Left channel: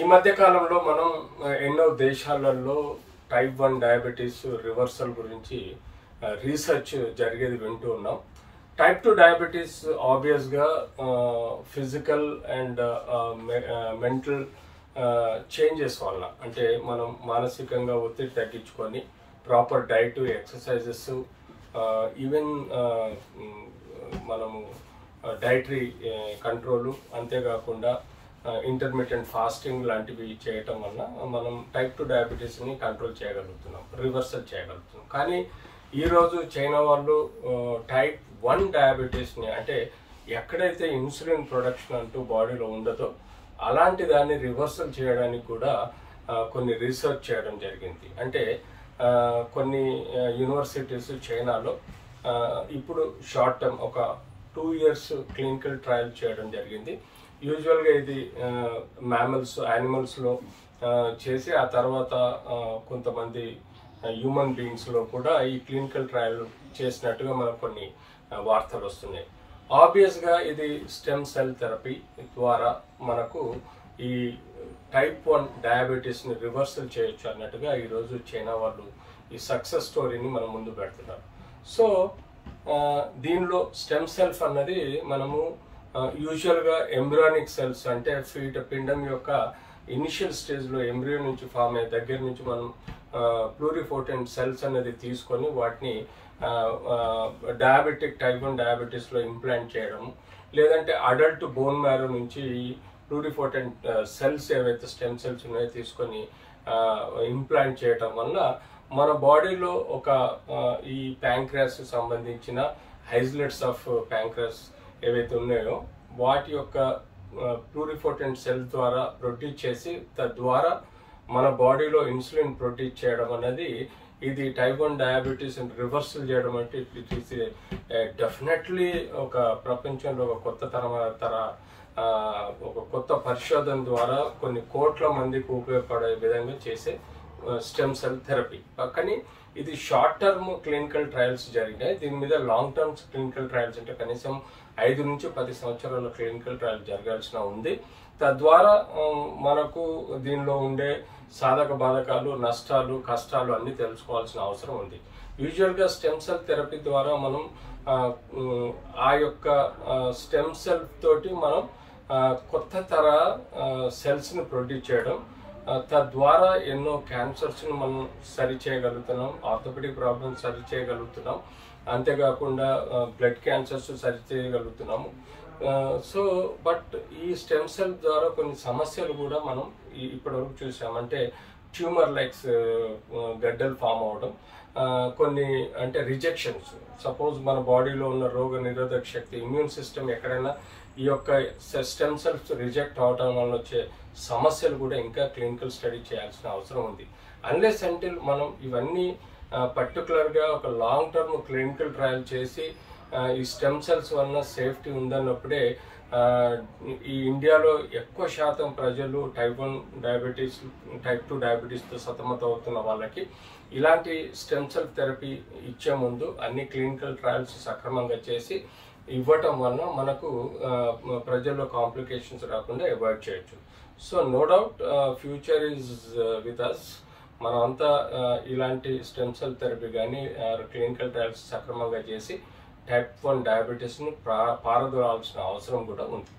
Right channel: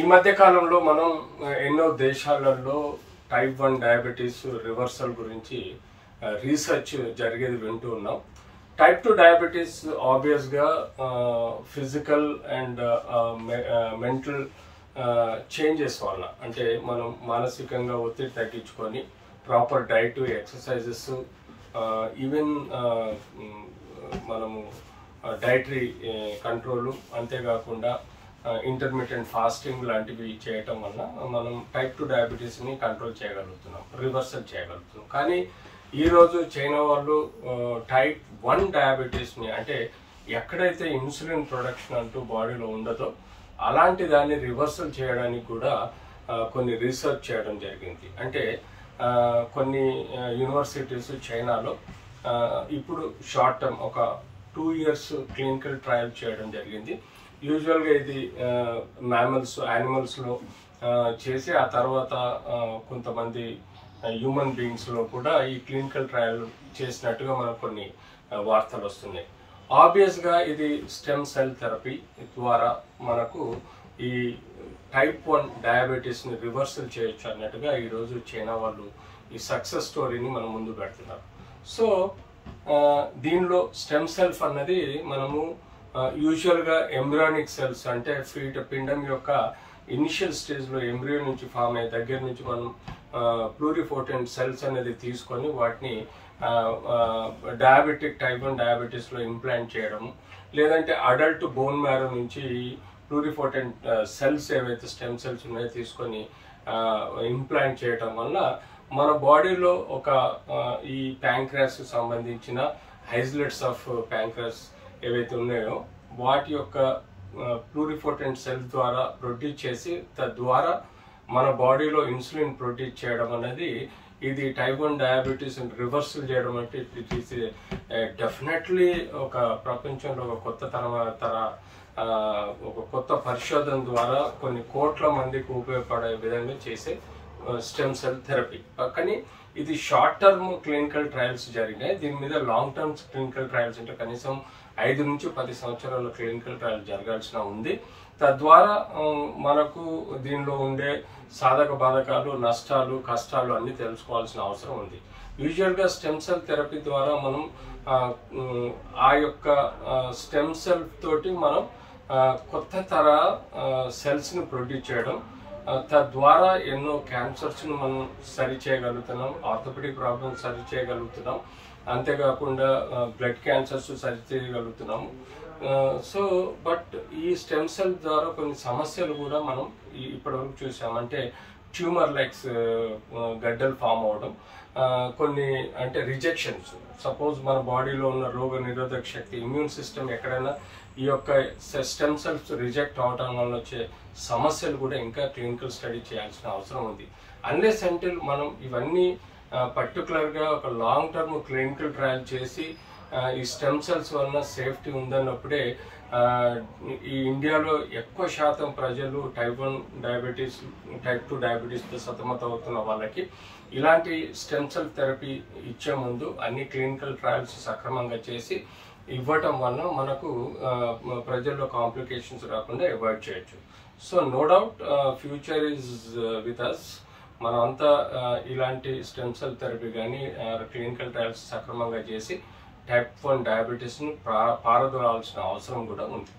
ఈ మధ్య కాలంలో మనం ఎన్నో దేశాలలో టైప్ 1 డయాబెటీస్ రివర్సల్ గురించి రీసెర్చ్ జరిగేది వింటూ ఉన్నాం. టైప్ 2 డయాబెటీస్ ఆబ్వియస్గా ఫిజికల్ అండ్ మెంటల్ చేంజెస్ వల్ల, అంటే మనం మానసికంగా ఒత్తిడి తగ్గించుకొని ప్రాపర్ డైట్, ఎక్సర్సైజెస్, ఈవెన్ మనము డైటరీ కంట్రోలు, అంతేకాకుండా ఇంటర్మీడియట్ ఫాస్టింగ్ లాంటివి చేయటం వల్ల మనం టైప్ 2 డయాబెటీస్ని కంట్రోల్ చేయగలుగుతున్నాం, రివర్సల్ చేయగలుగుతున్నాం. కానీ ఈరోజు చైనా వాళ్ళు టైప్ 1 డయాబెటీస్ని, అంటే ఎక్కడైతే ఇన్సులిన్ ప్రొడక్షన్ అంటూ బాడీలో ఉండదో అలాంటి దాన్ని రివర్సల్ చేయడానికి కూడా కొన్ని రీసెర్చ్ చేయడం జరిగింది. అంటే కొన్ని యూనివర్సిటీస్ చైనాలో ఇప్పుడు షార్ట్ టర్మ్ ఒక 2 years క్లినికల్ ట్రయల్ చేయడం జరిగింది. యూజువల్గా ఇది యానిమల్స్లో చేసి ఆ తర్వాత కొంతమంది హ్యూమన్ బీయింగ్స్లో కూడా ఈ క్లినికల్ ట్రయల్ చేసినట్టుగా మనకు కొన్ని వార్తలు వస్తున్నాయి. ఆబ్వియస్గా ఇది స్టెమ్ సెల్ థెరపీ ద్వారా మనకు ఈ టైప్ 1 డయాబెటీస్ని రివర్సల్ చేయొచ్చు అన్నట్టుగా ఈరోజు చైనా వాళ్ళు ఈ సక్సెస్ స్టోరీని మన ముందు పెడుతున్నారు. సో దీనిలో స్టెమ్ సెల్స్ అన్నది మనము యూజువల్గా ఎంబ్రియానిక్ సెల్స్, అంటే పిండం యొక్క ఇనిషియల్ స్టేజ్లో ఎంబ్రియో నుంచి ఫామ్ అయ్యే దగ్గర నుంచి మనం ప్లూరిపోటెంట్ సెల్స్ అనేది తీసుకొని వాటిని టైప్ 1 డయాబెటీస్లో ఇంప్లాంట్ చేయడము, లేదంటే అడల్ట్ బోన్ మ్యారో నుంచి ప్లూరిపోటెంట్ సెల్స్ ఏవైతే స్టెమ్ సెల్స్ ఉన్నాయో తీసుకొని ఇంప్లాంట్ చేయడం వల్ల మన బాడీలో ఒక ఈ ప్యాంక్రాస్ సంబంధించిన ఐసోలేట్స్ ఆఫ్ ప్యాంక్రాస్ ఏవైతే ఉన్నాయో వాటి యొక్క ప్లూరిపోటెంట్ సెల్ ద్వారా ప్రొడ్యూస్ చేసి తద్వారా మన బాడీలో ఇన్సులిన్ ప్రొడ్యూస్ చేయడం అనేది ఇది టైప్ 1 డయాబెటీస్ రివర్సల్ చేయడం అంటే ఇట్ ఈస్ డెఫినెట్లీ ఒక ప్రపంచంలో ఒక ఒక కొత్త పరిశోధన ద్వారా కొన్ని కోట్ల మందికి ఉపయోగపడే విధంగా చేసే స్టెమ్ సెల్ థెరపీ. కానీ ఇది షార్ట్ టర్మ్ క్లినికల్ ట్రయల్స్ జరిగినాయి. దీని మీద లాంగ్ టర్మ్ క్లినికల్ ట్రయల్స్ అంటే కనీసం 5 నుంచి 10 సంవత్సరాల క్లినికల్ ట్రయల్ జరగాల్సిన ఉంది. తద్వారా మనకు దీనిలో ఉండే సాధక బాధకాలు, నష్టాలు, కష్టాలు అన్ని తెలుసుకోవాల్సిన అవసరం ఉంది. యూజువల్గా స్టెమ్ సెల్ థెరపీ ద్వారా మనం ఆ యొక్క స్టెమ్ సెల్ తోటి మనం కొత్త తర సెల్స్ని ప్రొడ్యూస్ చేయడం, తద్వారా ఎన్నో క్యాన్సర్స్ను మనం సరి చేయగలుగుతున్నాం, ఆర్థోపెడిక్ ప్రాబ్లమ్స్ సరి చేయగలుగుతున్నాం, అంతేకాకుండా బ్లడ్ క్యాన్సర్స్ సరి చేయగలుగుతున్నాము. సో బట్ ఈ స్టెమ్ సెల్ ద్వారా కొన్ని సమస్యలు కూడా మనం ఇప్పటివరకు చూసామంటే ట్యూమర్ లైక్స్ గడ్డలు ఫామ్ అవడం, కొన్ని అంటే రిజెక్షన్స్. సపోజ్ మన బాడీలో ఉన్న రోగ నిరోధక శక్తి, ఇమ్యూన్ సిస్టమ్ ఎక్కడైనా ఈ యొక్క స్టెమ్ సెల్స్ రిజెక్ట్ అవడం వల్ల వచ్చే సమస్యలు కూడా ఇంకా క్లినికల్ స్టడీ చేయాల్సిన అవసరం ఉంది. అన్లెస్ అంటిల్ మనం ఇవన్నీ పర్టికులర్గా ఒక లాంగ్ టర్మ్ క్లినికల్ ట్రయల్ చేసి ఈ స్టెమ్ సెల్స్ వలన సేఫ్టీ ఉందన్నప్పుడే ఈ ఇండియాలో ఎక్కువ శాతం ప్రజలు టైప్ 1 డయాబెటీస్, టైప్ 2 డయాబెటీస్తో సతమతం అవుతున్న వాళ్ళకి ఇలాంటి స్టెమ్ సెల్ థెరపీ ఇచ్చే ముందు అన్ని క్లినికల్ ట్రయల్స్ సక్రమంగా చేసి ఇవ్వటం వలన మనకు ప్రజల్లో కాంప్లికేషన్స్ రాకుండా అవాయిడ్ చేయొచ్చు. So no doubt future is with us. మనమంతా ఇలాంటి స్టెమ్ సెల్ థెరపీ కానీ క్లినికల్ ట్రయల్స్ సక్రమంగా చేసి టైప్ 1 డయాబెటీస్ను పారదోలాల్సిన అవసరం కూడా ఉంది.